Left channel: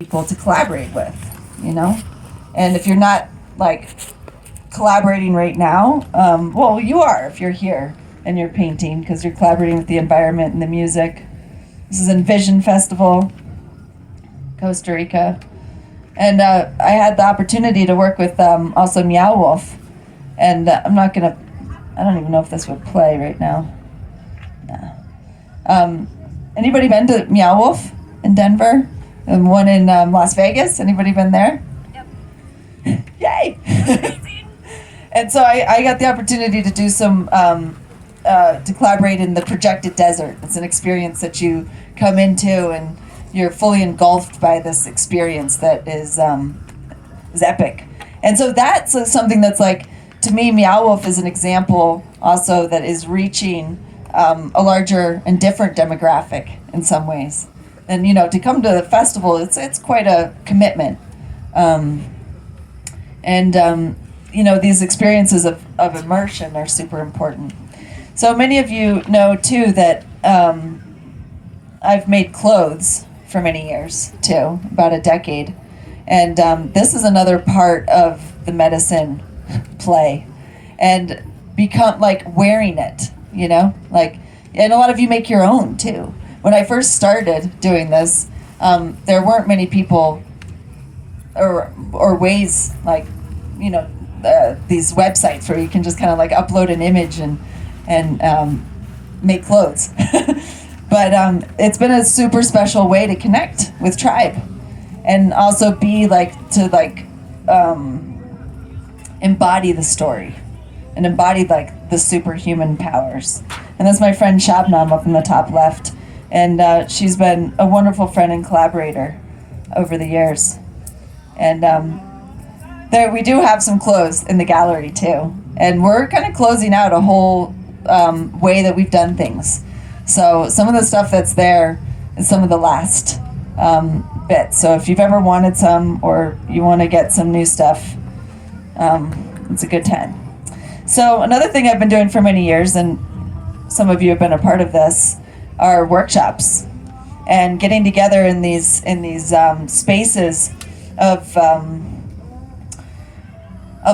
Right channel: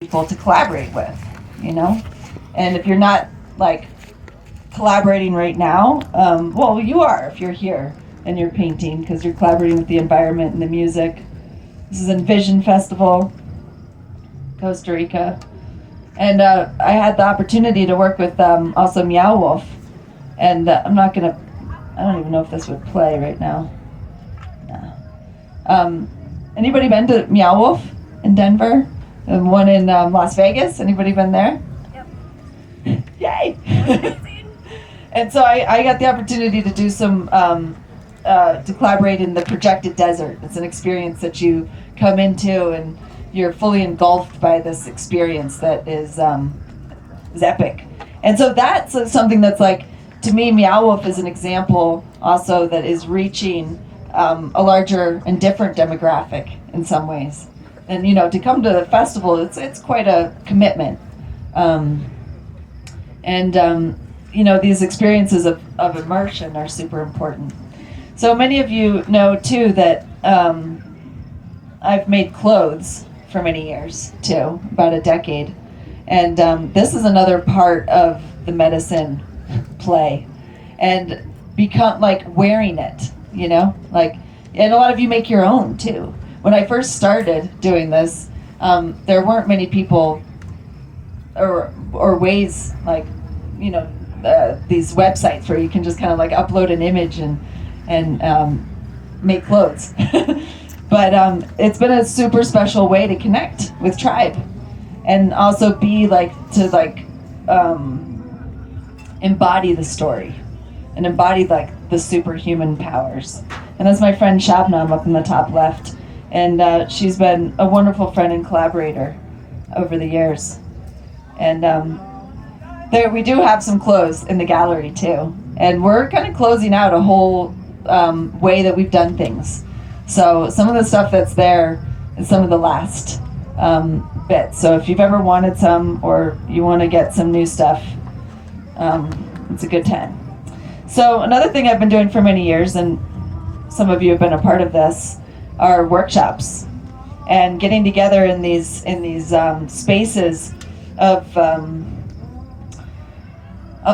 people to collaborate with, you know? And if you're not like collaborating right now, well, you are if you're here and you're painting because you're collaborating with the environment and the music. This is Envision Festival, Costa Rica. And I had the opportunity to work with also Meow Wolf. And I don't even know if this would play right now. Yeah. Anybody been to Meow Wolf in Denver? And one in Las Vegas? Anybody been there? Yep. Yay! Amazing. And so I got the opportunity to do some, to collaborate in the Projected Desert. It's an experience that you come into and you're fully engulfed by this experience that is epic. And so that's something that's like, to me, Meow Wolf is an example also that is reaching a larger and different demographic in some ways. And to come to the festival, it's quite a commitment. These experiences of immersion are super important. So many of you know too that I've made clothes for many years too, about a decade. And this is another part of the medicine play. And become like wearing it, and a lot of you make your own too. When I first started doing this, there weren't many people or ways like, these websites where you can just kind of like upload an image and make clothes. But it's been a super special way to connect with tribe and also be embody the story and embody the superhuman powers. And that's my friend Shabnam up in the top left. And she's been a wonderful friend and collaborator over the years. And there we do have some clothes in the gallery too. And we're kind of closing out a whole way that we've done things. So some of the stuff that's there is some of the last bits. So if you've ever wanted some or you want to get some new stuff, it's a good time. So another thing I've been doing for many years, and some of you have been a part of this, are workshops and getting together in these spaces of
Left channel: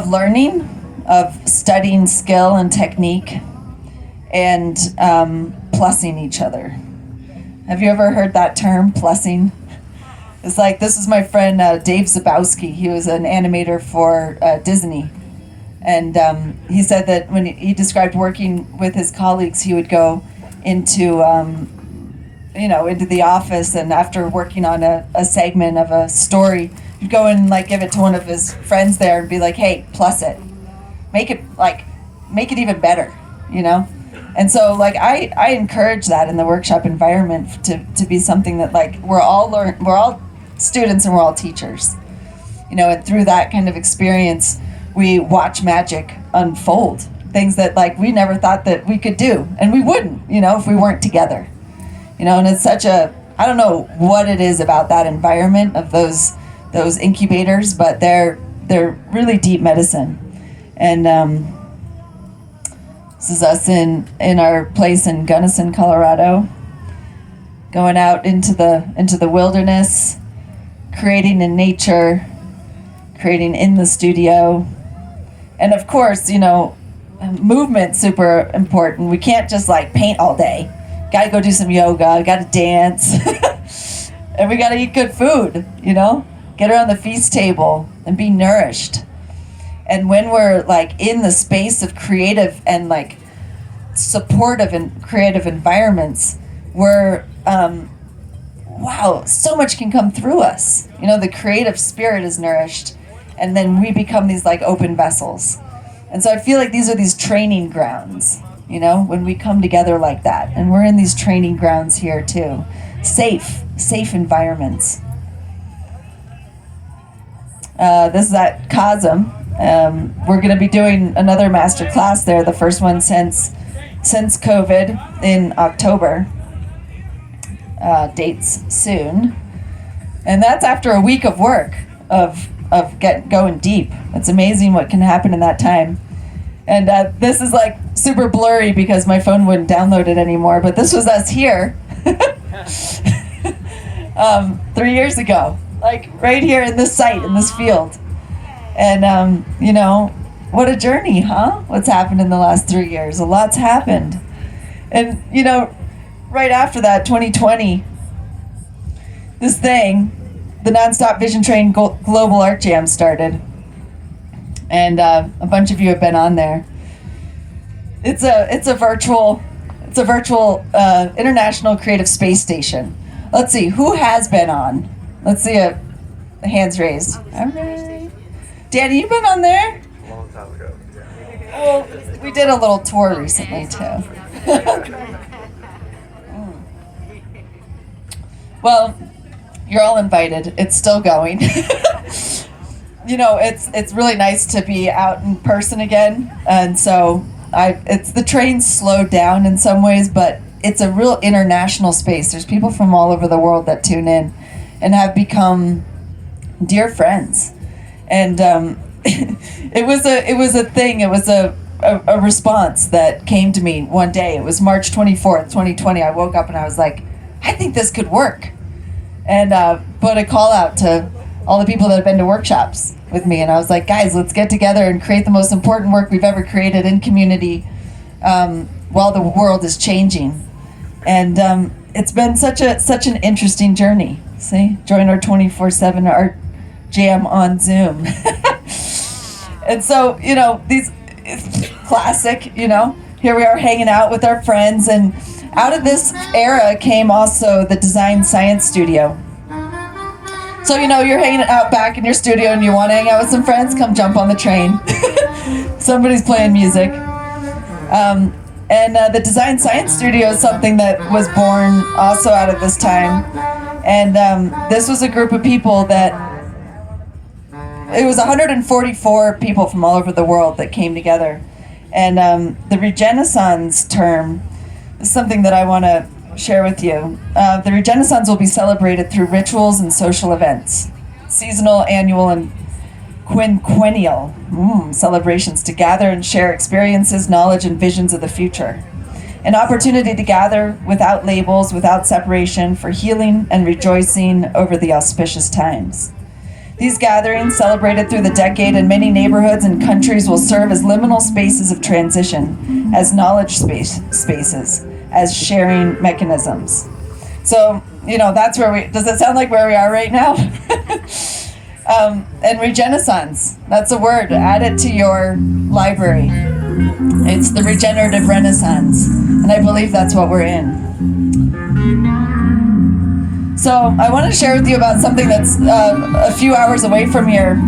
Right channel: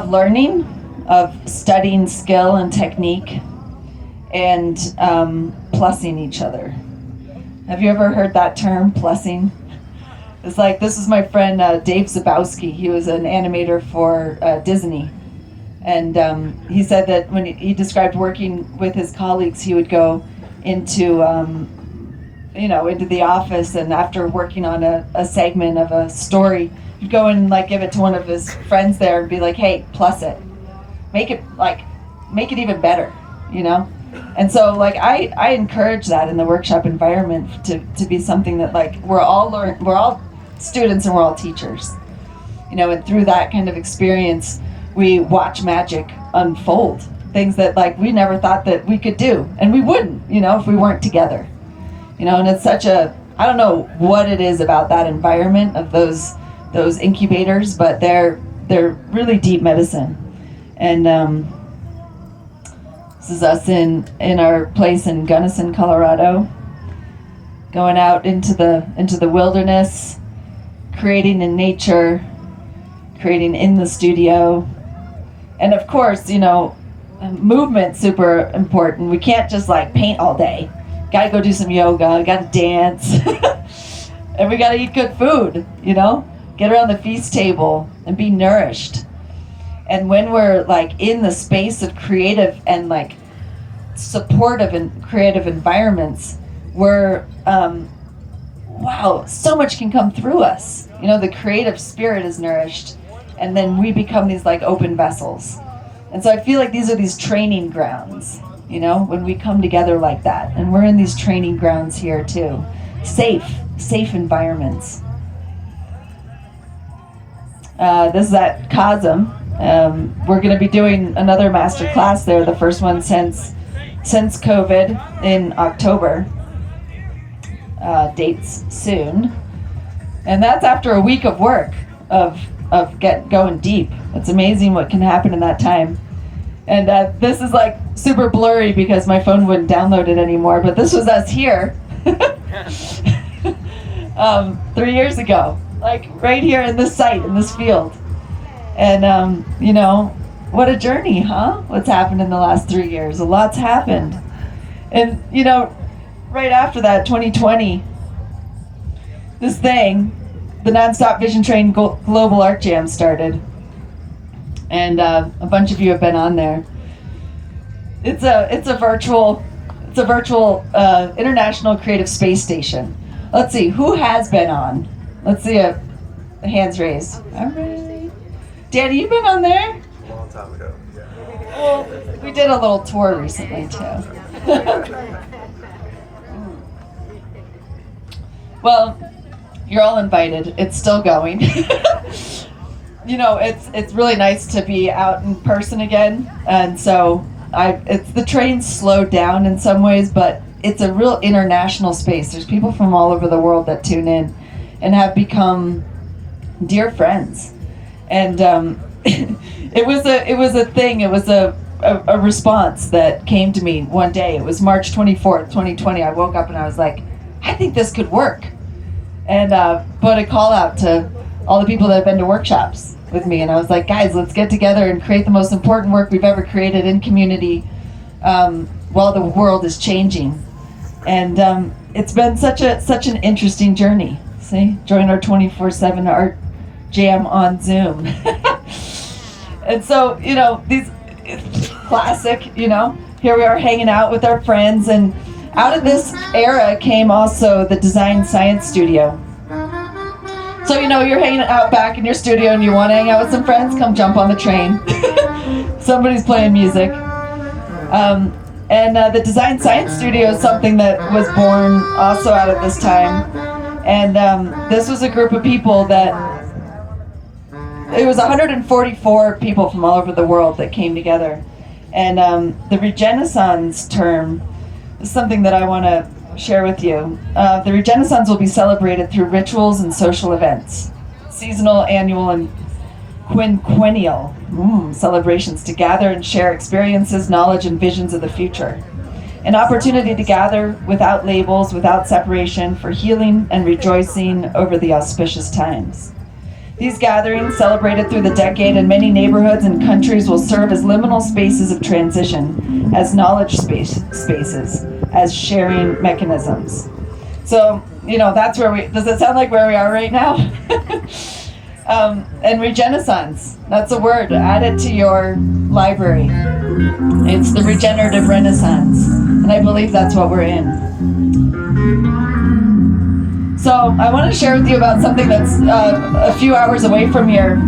learning, of studying skill and technique, and plussing each other. Have you ever heard that term, plussing? It's like, this is my friend Dave Zabowski. He was an animator for Disney. And he said that when he described working with his colleagues, he would go into the office, and after working on a segment of a story, he'd go and give it to one of his friends there and be like, hey, plus it. Make it even better, And so I encourage that in the workshop environment to be something that we're all students and we're all teachers. And through that kind of experience, we watch magic unfold. Things that we never thought that we could do, and we wouldn't, if we weren't together. And it's such I don't know what it is about that environment of those incubators, but they're really deep medicine. And this is us in our place in Gunnison, Colorado, going out into the wilderness, creating in nature, creating in the studio. And of course, movement's super important. We can't just paint all day. Gotta go do some yoga, gotta dance. And we gotta eat good food, get around the feast table and be nourished. And when we're in the space of creative and supportive and creative environments, we're wow, so much can come through us. The creative spirit is nourished, and then we become these open vessels. And so I feel like these are these training grounds, when we come together like that. And we're in these training grounds here too. Safe environments. This is at COSM. We're going to be doing another master class there, the first one since COVID in October. Dates soon. And that's after a week of work of going deep. It's amazing what can happen in that time. And this is super blurry because my phone wouldn't download it anymore, but this was us here 3 years ago. like right here in this site, in this field. And, you know, what a journey, huh? What's happened in the last 3 years? A lot's happened. And, you know, right after that, 2020, this thing, the Nonstop Vision Train Global Art Jam started. And a bunch of you have been on there. It's a virtual international creative space station. Let's see, who has been on? Let's see a hands raised. All right. Danny, you been on there? A long time ago. Well, we did a little tour recently too. Well, you're all invited. It's still going. You know, it's really nice to be out in person again, and so it's the train's slowed down in some ways, but it's a real international space. There's people from all over the world that tune in and have become dear friends. And it was a thing. It was a response that came to me one day. It was March 24th, 2020. I woke up and I was like, I think this could work. And put a call out to all the people that have been to workshops with me. And I was like, guys, let's get together and create the most important work we've ever created in community while the world is changing. And it's been such an interesting journey. See, join our 24/7 art jam on Zoom. And so, you know, these classic, you know, here we are hanging out with our friends, and out of this era came also the Design Science Studio. So, you know, you're hanging out back in your studio and you want to hang out with some friends, come jump on the train. Somebody's playing music. And the Design Science Studio is something that was born also out of this time. And this was a group of people that, it was 144 people from all over the world that came together. And the Regenaissance term is something that I want to share with you. The Regenaissance will be celebrated through rituals and social events, seasonal, annual, and quinquennial celebrations to gather and share experiences, knowledge, and visions of the future. An opportunity to gather without labels, without separation, for healing and rejoicing over the auspicious times. These gatherings, celebrated through the decade in many neighborhoods and countries, will serve as liminal spaces of transition, as knowledge spaces, as sharing mechanisms. So, you know, that's where does it sound like where we are right now? And Regenaissance, that's a word, add it to your library. It's the regenerative renaissance, and I believe that's what we're in. So I want to share with you about something that's a few hours away from here,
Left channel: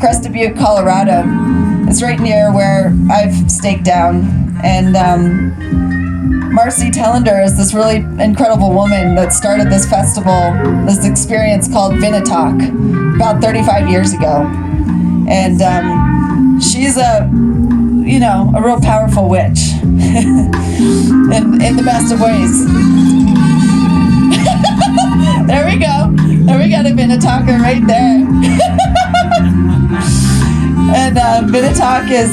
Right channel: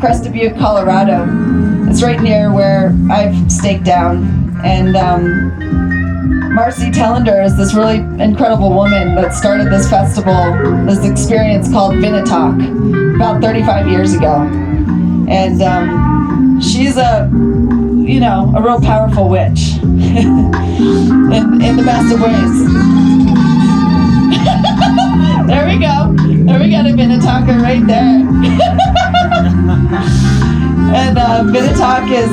Crested Butte, Colorado. It's right near where I've staked down, and Marcy Tellender is this really incredible woman that started this festival, this experience called Vinatalk, about 35 years ago. And she's a real powerful witch in the best of ways. There we go. There we got a Vinatalker right there. And Vinatalk is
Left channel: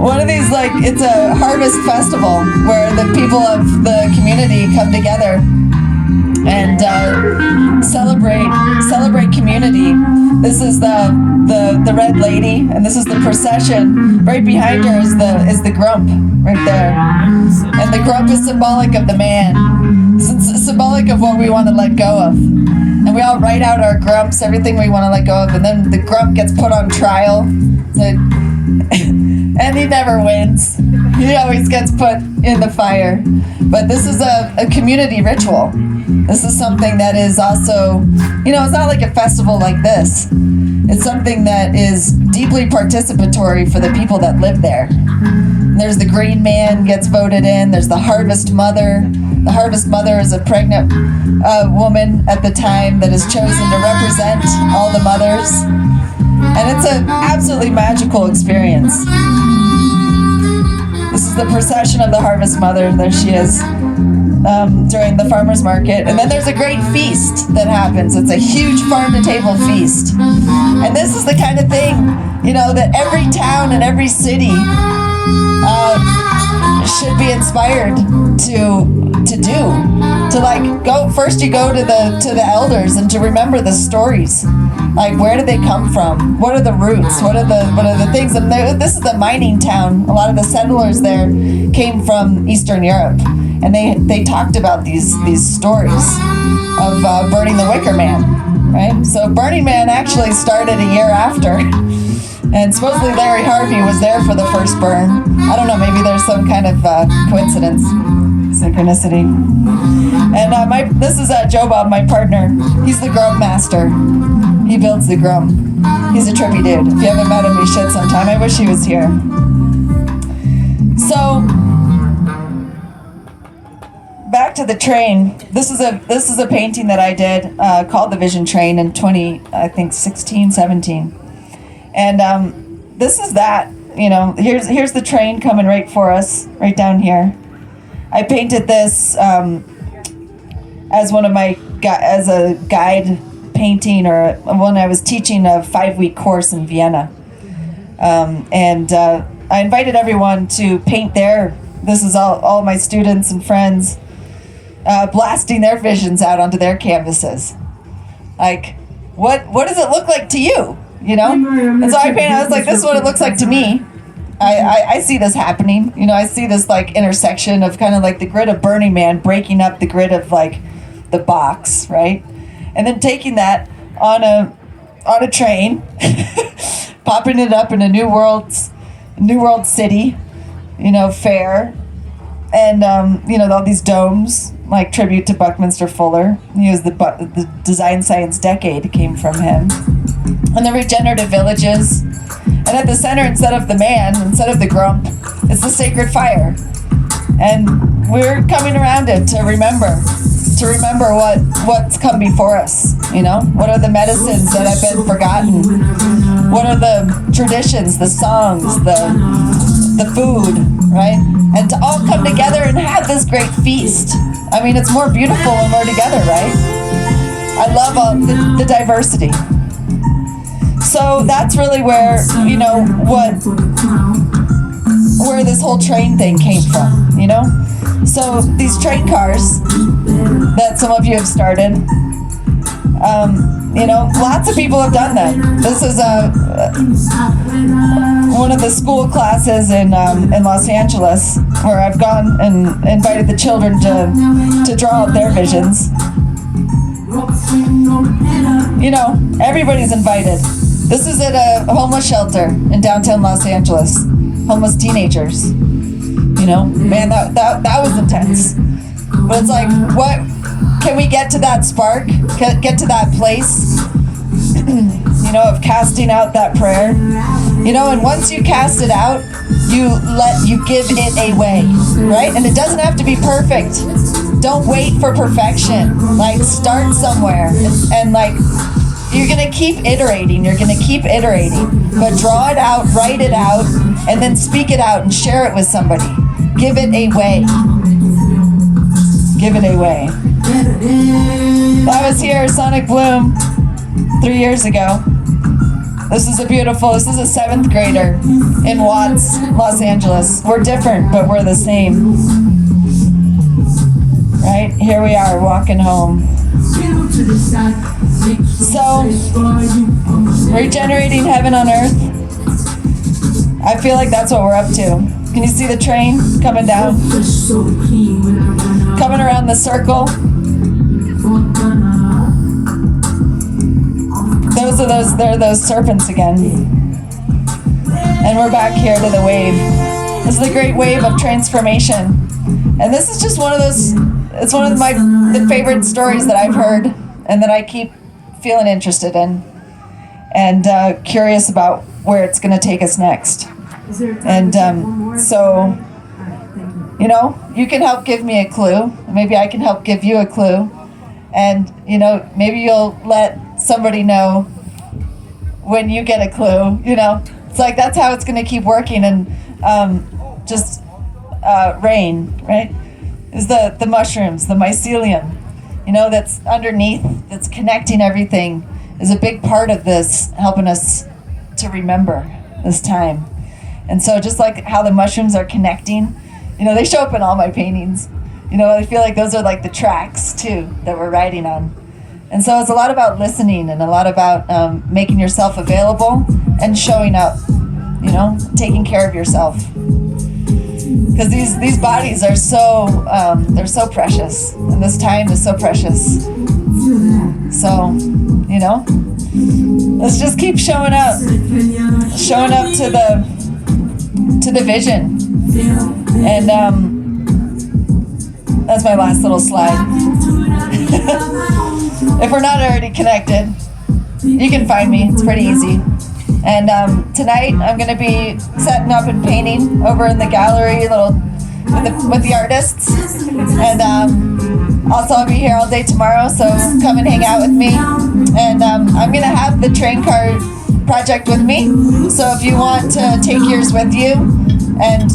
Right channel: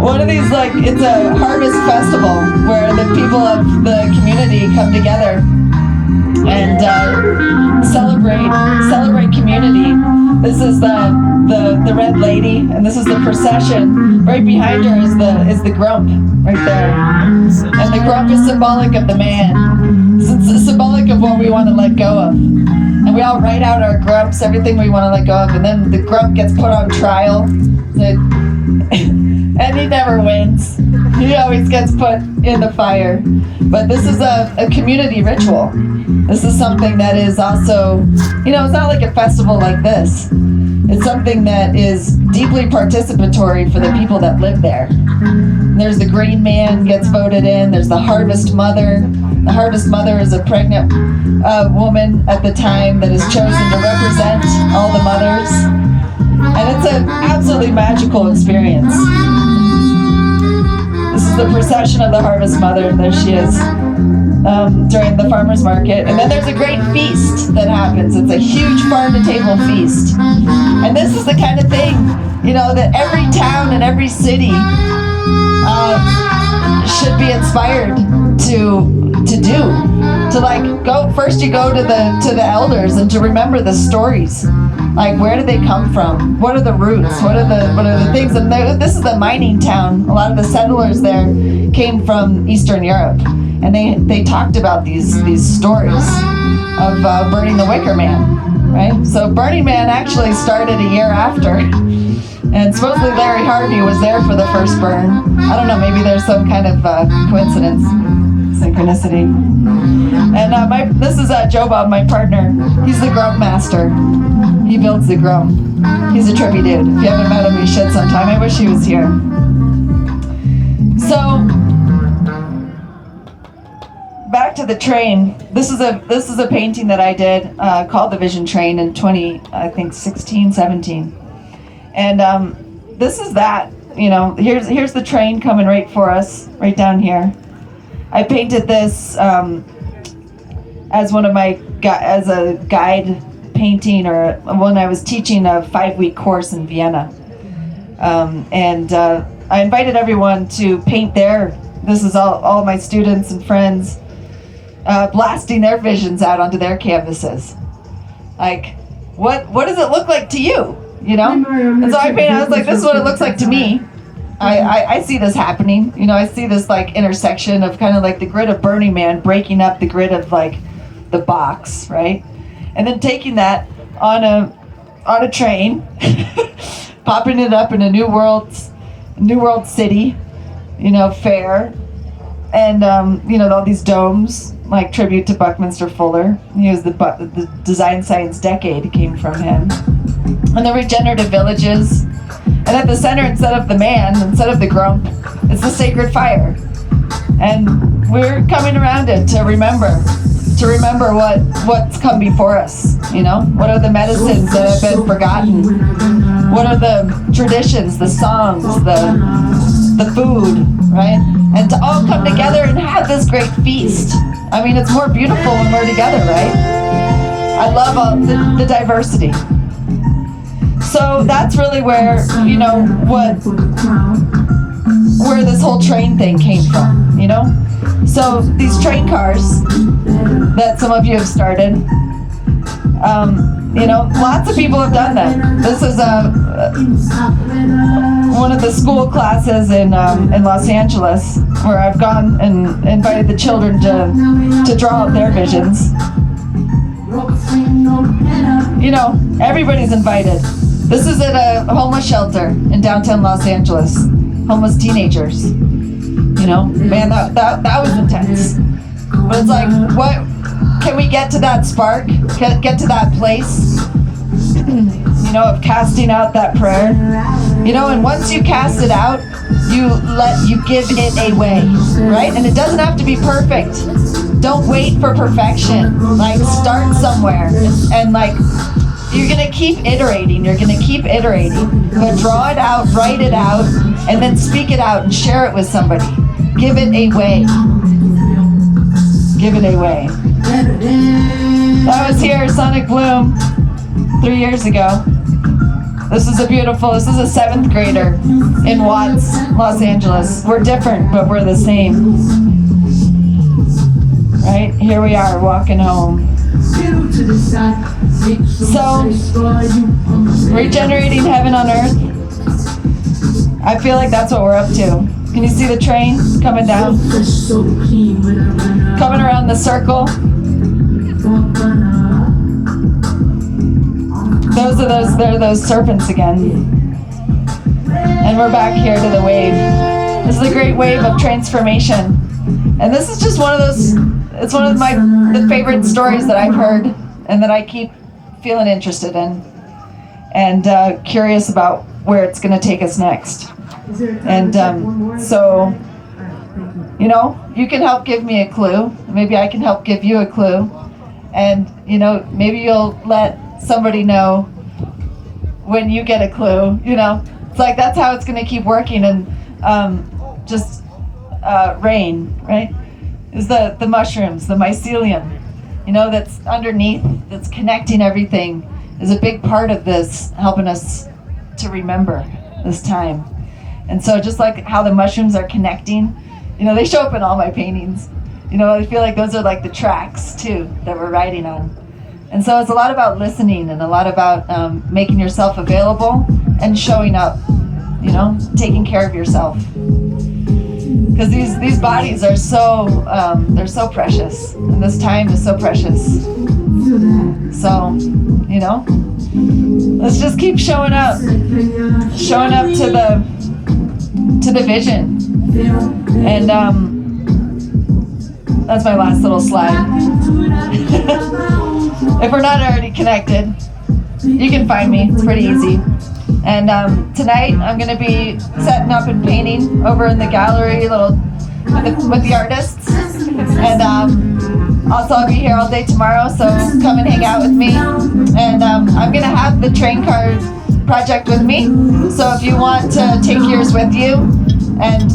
one of these, like, it's a harvest festival where the people of the community come together and celebrate community. This is the Red Lady, and this is the procession. Right behind her is the Grump, right there. And the Grump is symbolic of the man. It's symbolic of what we want to let go of. And we all write out our grumps, everything we want to let go of, and then the Grump gets put on trial. And he never wins. He always gets put in the fire. But this is a community ritual. This is something that is also, it's not like a festival like this. It's something that is deeply participatory for the people that live there. There's the Green Man gets voted in. There's the Harvest Mother. The Harvest Mother is a pregnant woman at the time that is chosen to represent all the mothers. And it's an absolutely magical experience. This is the procession of the Harvest Mother. There she is during the farmer's market. And then there's a great feast that happens. It's a huge farm-to-table feast. And this is the kind of thing, that every town and every city should be inspired to do, to to like go first. You go to the elders and to remember the stories, like where did they come from? What are the roots? What are the things? And this is a mining town. A lot of the settlers there came from Eastern Europe, and they talked about these stories of burning the Wicker Man, right? So Burning Man actually started a year after. And supposedly Larry Harvey was there for the first burn. I don't know, maybe there's some kind of coincidence, synchronicity. And this is Joe Bob, my partner. He's the grump master. He builds the grump. He's a trippy dude. If you haven't met him, you should sometime. I wish he was here. So, back to the train. This is a painting that I did called The Vision Train in 2016, 17. And this is that, here's the train coming right for us, right down here. I painted this as as a guide painting, or when I was teaching a 5-week course in Vienna. And I invited everyone to paint this is all my students and friends blasting their visions out onto their canvases. Like, what does it look like to you? And so I was like, this is what it looks like to me. I see this happening. I see this like intersection of kind of like the grid of Burning Man breaking up the grid of like the box, right? And then taking that on a train, popping it up in a New World City, fair, and all these domes, like tribute to Buckminster Fuller. He was the Design Science Decade came from him. And the regenerative villages. And at the center, instead of the grump, it's the sacred fire. And we're coming around it to remember what's come before us. What are the medicines that have been forgotten? What are the traditions, the songs, the food, right? And to all come together and have this great feast. I mean, it's more beautiful when we're together, right? I love all the diversity. So that's really where, where this whole train thing came from, So these train cars that some of you have started, lots of people have done them. This is one of the school classes in Los Angeles where I've gone and invited the children to draw out their visions. Everybody's invited. This is at a homeless shelter in downtown Los Angeles. Homeless teenagers. Man, that was intense. But it's like, what? Can we get to that spark? Get to that place? Of casting out that prayer. And once you cast it out, you give it away, right? And it doesn't have to be perfect. Don't wait for perfection. Like, start somewhere and like, you're going to keep iterating. But draw it out, write it out, and then speak it out and share it with somebody. Give it away. That was here, Sonic Bloom, 3 years ago. This is a 7th grader in Watts, Los Angeles. We're different, but we're the same. Right? Here we are, walking home. So, regenerating heaven on earth. I feel like that's what we're up to. Can you see the train coming down? Coming around the circle. They're those serpents again. And we're back here to the wave. This is the great wave of transformation. And this is just one of the favorite stories that I've heard and that I keep feeling interested in and curious about where it's going to take us next. And so, you can help give me a clue. Maybe I can help give you a clue. And, maybe you'll let somebody know when you get a clue. It's like that's how it's going to keep working. And rain, right, is the mushrooms, the mycelium, that's underneath, that's connecting everything, is a big part of this, helping us to remember this time. And so just like how the mushrooms are connecting, they show up in all my paintings. You know, I feel like those are like the tracks too that we're riding on. And so it's a lot about listening and a lot about making yourself available and showing up, you know, taking care of yourself. Because these bodies are so, they're so precious. And this time is so precious. So, you know, let's just keep showing up to the vision. And that's my last little slide. If we're not already connected, you can find me. It's pretty easy. And tonight I'm going to be setting up and painting over in the gallery, with the artists. And also I'll be here all day tomorrow, so come and hang out with me. And I'm going to have the train car project with me. So if you want to take yours with you and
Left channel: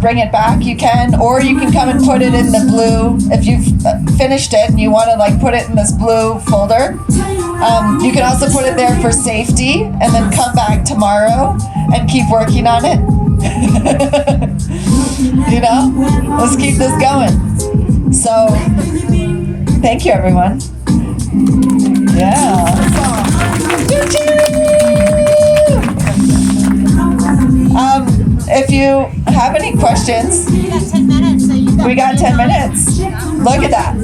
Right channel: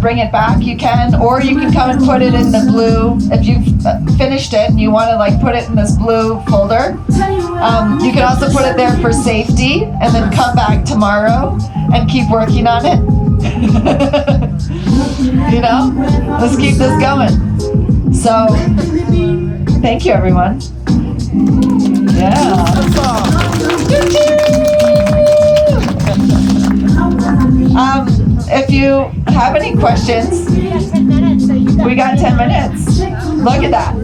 bring it back, you can, or you can come and put it in the blue. If you've finished it and you want to like put it in this blue folder, you can also put it there for safety and then come back tomorrow and keep working on it. You know, let's keep this going. So thank you, everyone. Yeah. If you have any questions, we got 10 minutes. Look at that.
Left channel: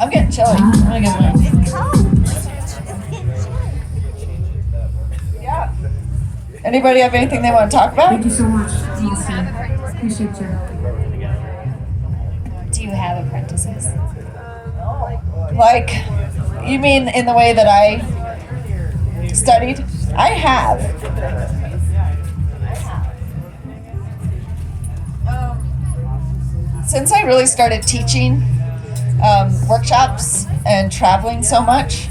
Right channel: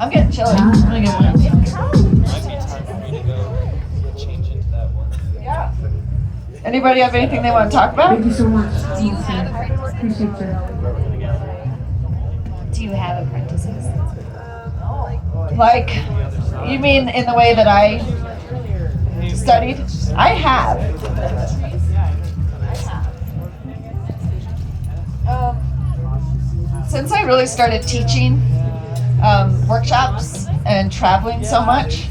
I'm getting chilly. I'm gonna get one. Yeah. Anybody have anything they want to talk about? Thank you so much. Awesome. Appreciate you. Do you have apprentices? Like, you mean in the way that I studied? I have. Since I really started teaching workshops and traveling so much,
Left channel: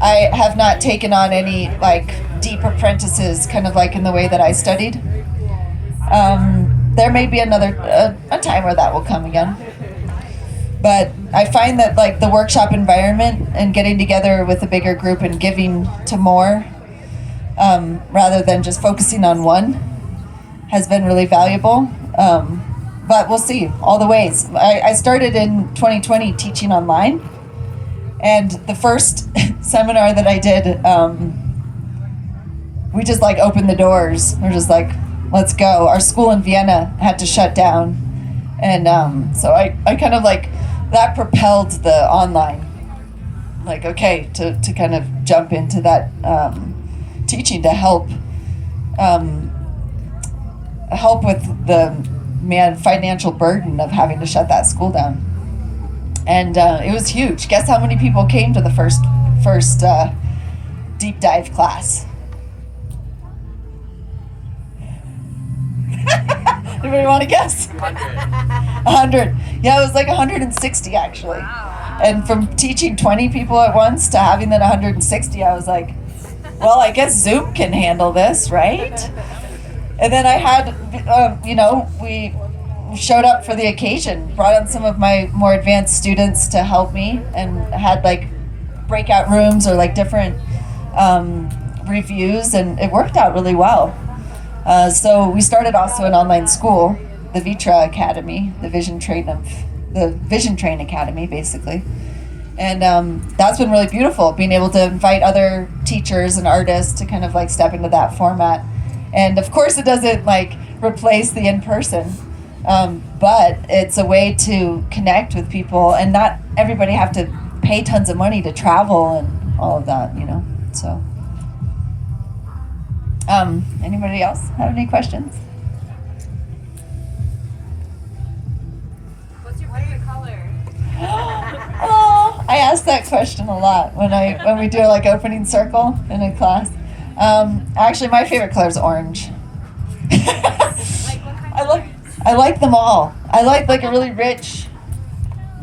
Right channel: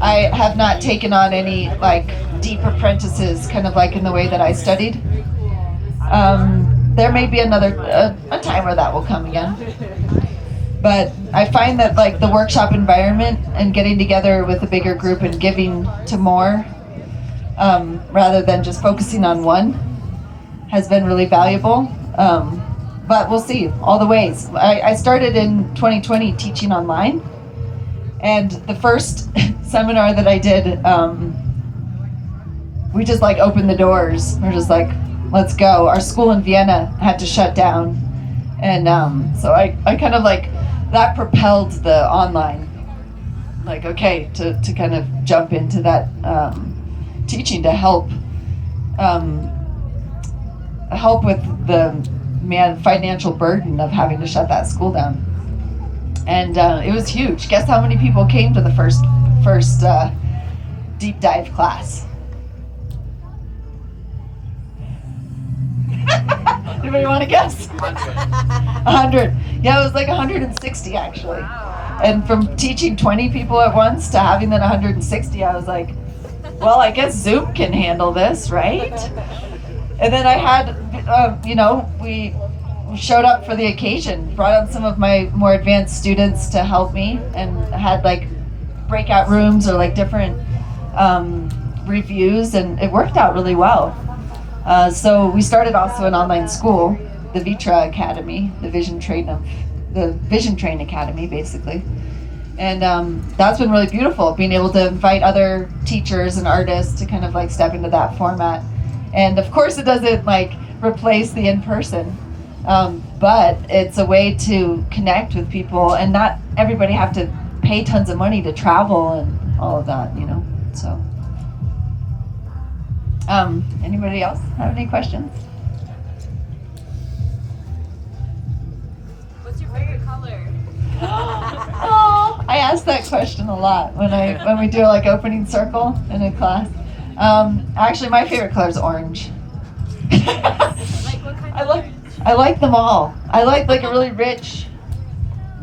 I have not taken on any like deep apprentices, kind of like in the way that I studied. There may be another a time where that will come again. But I find that like the workshop environment and getting together with a bigger group and giving to more, rather than just focusing on one, has been really valuable. But we'll see all the ways. I started in 2020 teaching online, and the first seminar that I did, we just like opened the doors. We're just like, let's go. Our school in Vienna had to shut down, and so I kind of like, that propelled the online, like, okay, to kind of jump into that teaching to help with the financial burden of having to shut that school down. And it was huge. Guess how many people came to the first deep dive class? Anybody want to guess? 100. Yeah, it was like 160 actually. Wow. And from teaching 20 people at once to having then 160, I was like, well, I guess Zoom can handle this, right? And then I had, we showed up for the occasion, brought on some of my more advanced students to help me, and had like breakout rooms or like different reviews, and it worked out really well. So we started also an online school, the Vitra Academy, the Vision Train Academy, basically. And that's been really beautiful, being able to invite other teachers and artists to kind of like step into that format. And of course it doesn't like replace the in-person, but it's a way to connect with people and not everybody have to pay tons of money to travel and all of that, you know, so. Anybody else have any questions? What's your favorite color? Oh, I ask that question a lot when we do like opening circle in a class. Actually, my favorite color is orange. Like what kind of I like them all. I like a really rich,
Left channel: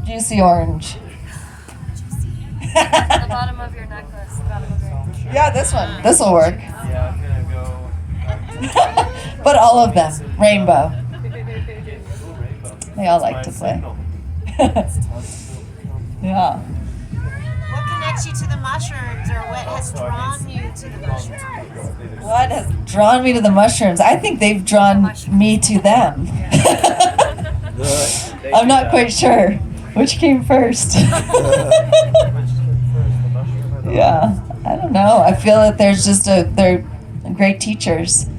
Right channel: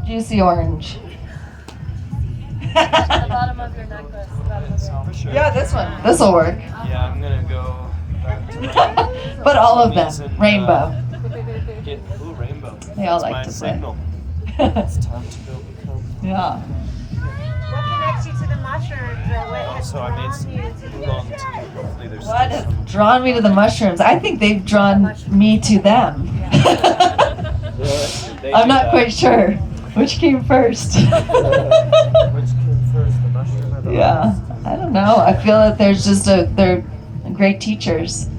juicy orange. the bottom of your necklace? The bottom of your... Yeah, this one. This will work. Yeah, I'm gonna go. But all of them, rainbow. Ooh, rainbow. They all That's like my to play. signal. Yeah. What connects you to the mushrooms, or what has So I drawn made you to the mushrooms? What has drawn me to the mushrooms? I think they've drawn me to them. They I'm not quite sure which came first. Which came first, the mushroom or the Yeah, I don't know. I feel that they're great teachers.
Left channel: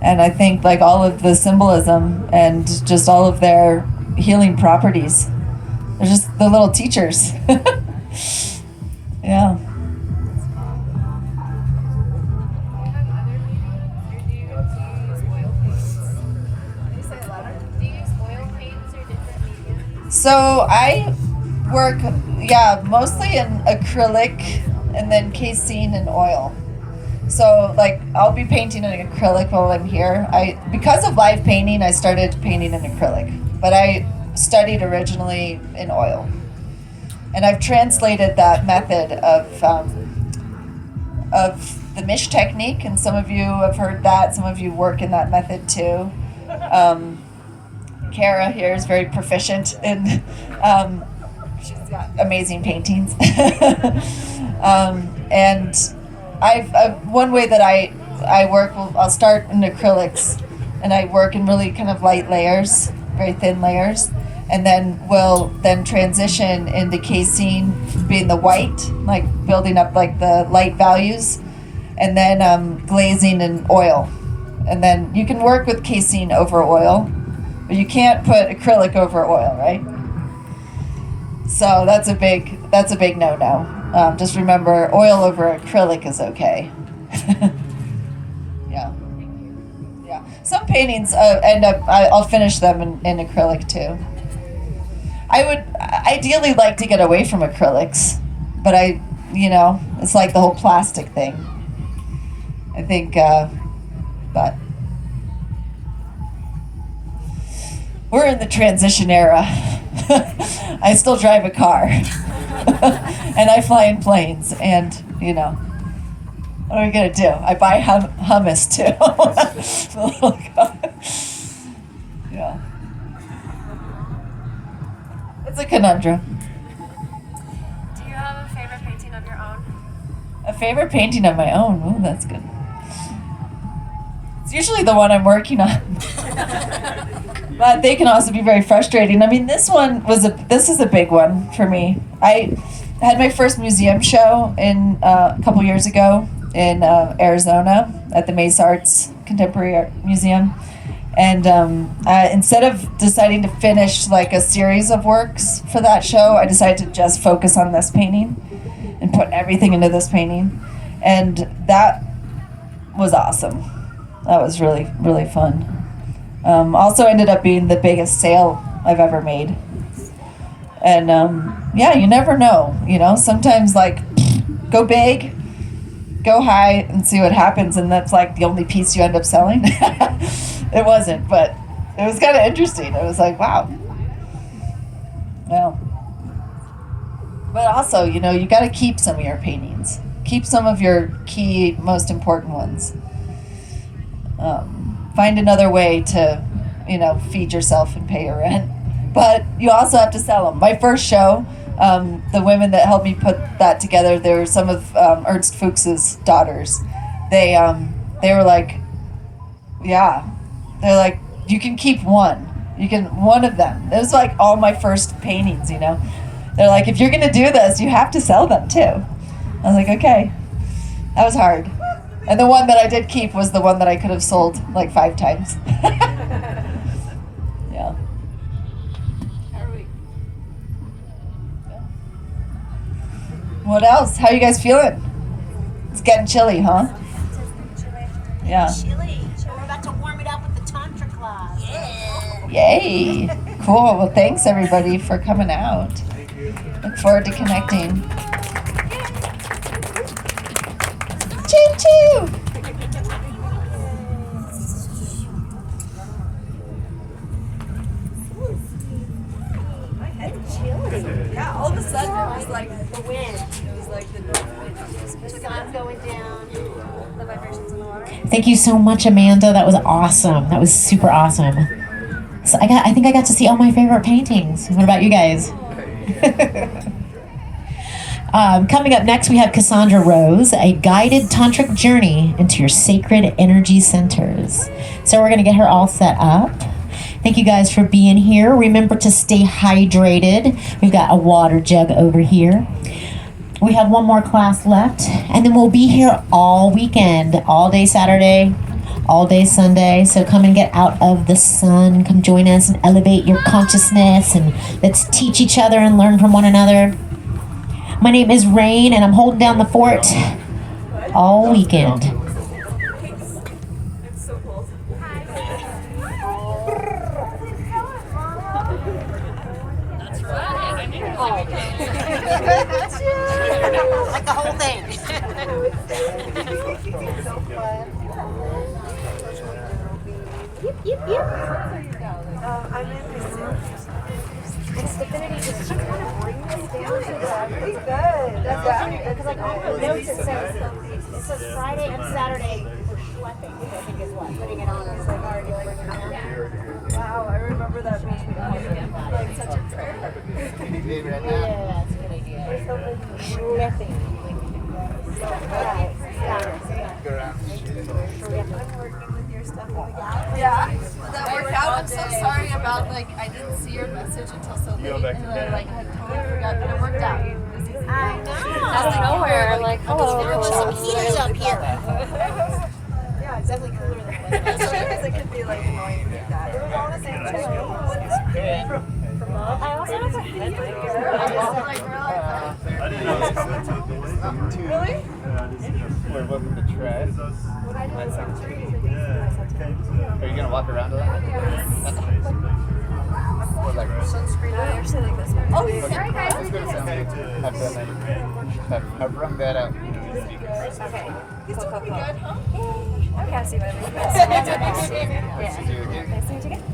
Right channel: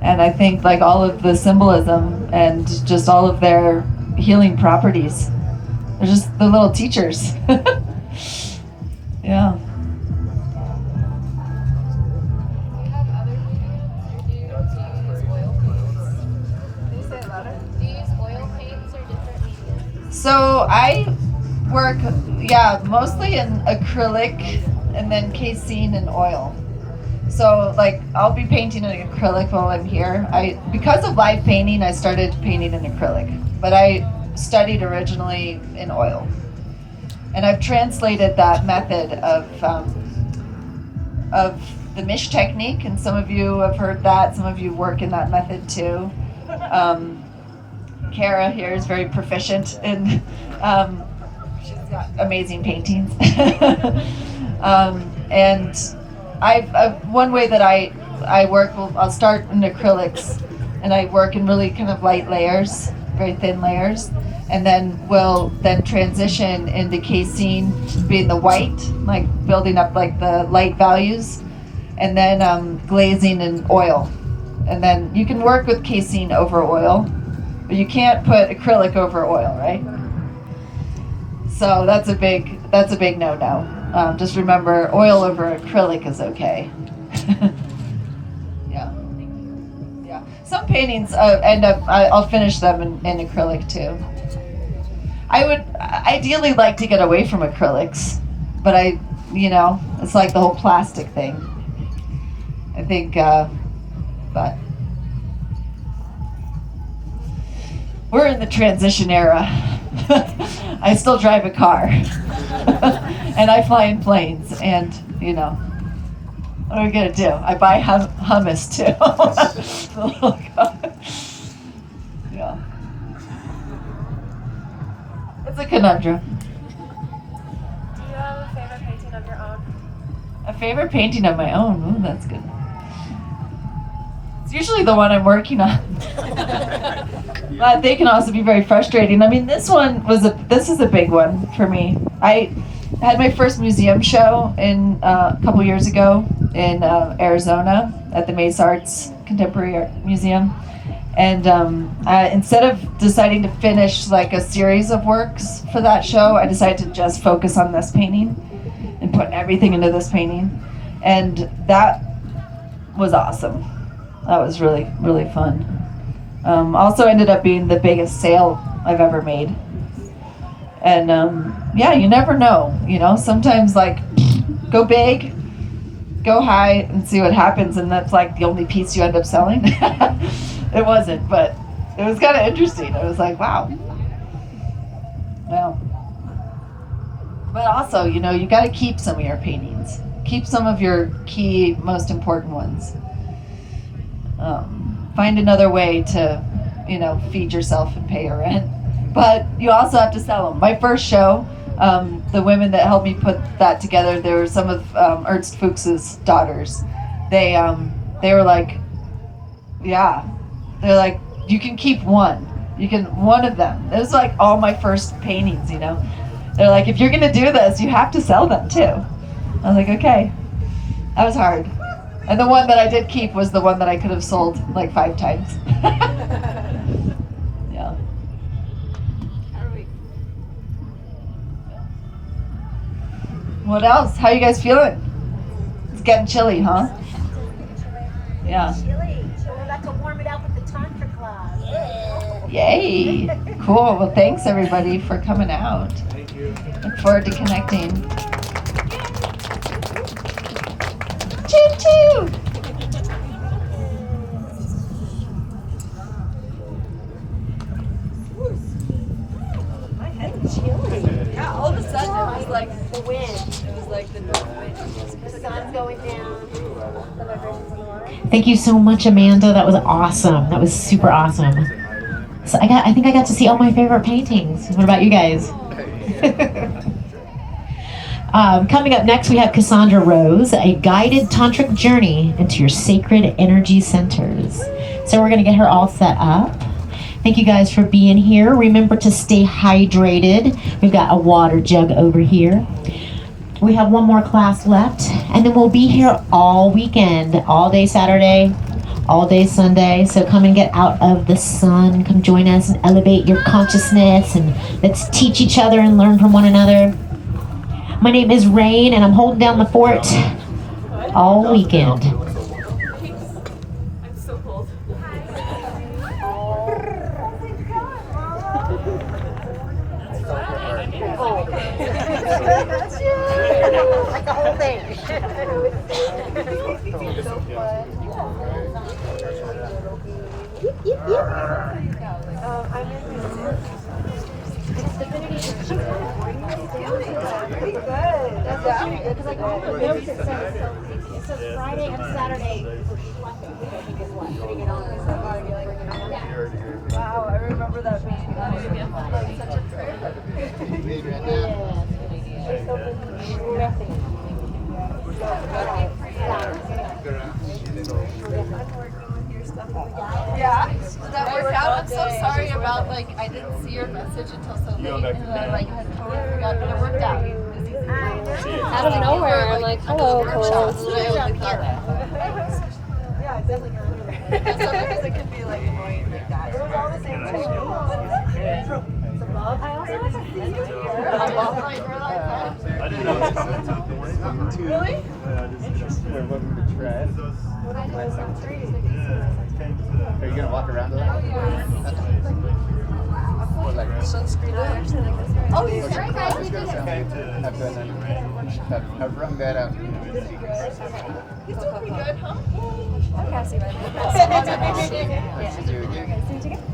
And I think like all of the symbolism and just all of their healing properties. They're just the little teachers. Yeah. So I work, mostly in acrylic and then casein and oil. So like I'll be painting in acrylic while I'm here. Because of live painting, I started painting in acrylic, but I studied originally in oil. And I've translated that method of the Mish technique, and some of you have heard that. Some of you work in that method too. Kara here is very proficient in. She's got amazing paintings, and one way that I work. I'll start in acrylics, and I work in really kind of light layers, very thin layers. And then we'll transition into casein, being the white, like building up like the light values, and then glazing in oil. And then you can work with casein over oil, but you can't put acrylic over oil, right? So that's a big no-no. Just remember, oil over acrylic is okay. Yeah. Some paintings end up. I'll finish them in acrylic too. I would ideally like to get away from acrylics, but it's like the whole plastic thing. I think, but we're in the transition era. I still drive a car, and I fly in planes, and what are we gonna do? I buy hummus too. Yeah. It's a conundrum. Do you have a favorite painting of your own? A favorite painting of my own? Ooh, that's good. It's usually the one I'm working on. But they can also be very frustrating. I mean, this is a big one for me. I had my first museum show a couple years ago in Arizona at the Mesa Arts Contemporary Art Museum. And instead of deciding to finish like a series of works for that show, I decided to just focus on this painting and put everything into this painting. And that was awesome. That was really, really fun. Also ended up being the biggest sale I've ever made. And you never know, sometimes like go big, go high and see what happens. And that's like the only piece you end up selling. It wasn't, but it was kind of interesting. It was like, wow. Yeah. But also, you got to keep some of your paintings. Keep some of your key, most important ones. Find another way to, feed yourself and pay your rent. But you also have to sell them. My first show, the women that helped me put that together, they were some of Ernst Fuchs's daughters. They were like, yeah. They're like, you can keep one. One of them. It was like all my first paintings, They're like, if you're going to do this, you have to sell them too. I was like, okay. That was hard. And the one that I did keep was the one that I could have sold like 5 times. Yeah. What else? How you guys feeling? It's getting chilly, huh? Yeah. Chili. So we're about to warm it up with the Tantra class. Yeah. Yay. Cool. Well, thanks everybody for coming out. Thank you. Look forward to connecting. Choo choo. My head's chilly. Yeah, all of a sudden it was like The wind. it was like the north wind. The sun's going down. The vibrations in the water? Thank you so much, Amanda. That was awesome. That was super awesome. So I think I got to see all my favorite paintings. What about you guys? Coming up next, we have Cassandra Rose, a guided tantric journey into your sacred energy centers. So we're going to get her all set up. Thank you guys for being here. Remember to stay hydrated. We've got a water jug over here. We have one more class left, and then we'll be here all weekend, all day Saturday, all day Sunday. So come and get out of the sun. Come join us and elevate your consciousness, and let's teach each other and learn from one another. My name is Rain, and I'm holding down the fort all weekend. Like the whole thing. It's divinity. It's just kind of bring this down to the pretty good. That's because like on the notes it says Friday and Saturday for schlepping, which I think is what putting it on. It's like already bringing it on. Wow, I remember that being like such a prayer. Yeah, that's a good idea. Schlepping. Yeah, that worked out. I'm so sorry about like I didn't see your message until so late, and I like had totally forgot, but it worked out. Out of nowhere, I'm like, hello, Cole. Heaters on here. Yeah, it's definitely sometimes it could be like annoying like that. It was all the same check. I also have a I didn't know it was Really? Yeah, I just we're welcome to try it. What I do is like three. Are you gonna walk around with it? Or like Sunscreen. I actually like this one. Oh, you sorry guys, we just. have run that out. He's doing pretty good, huh? Okay, I see what I mean. Yeah. Nice to meet you again.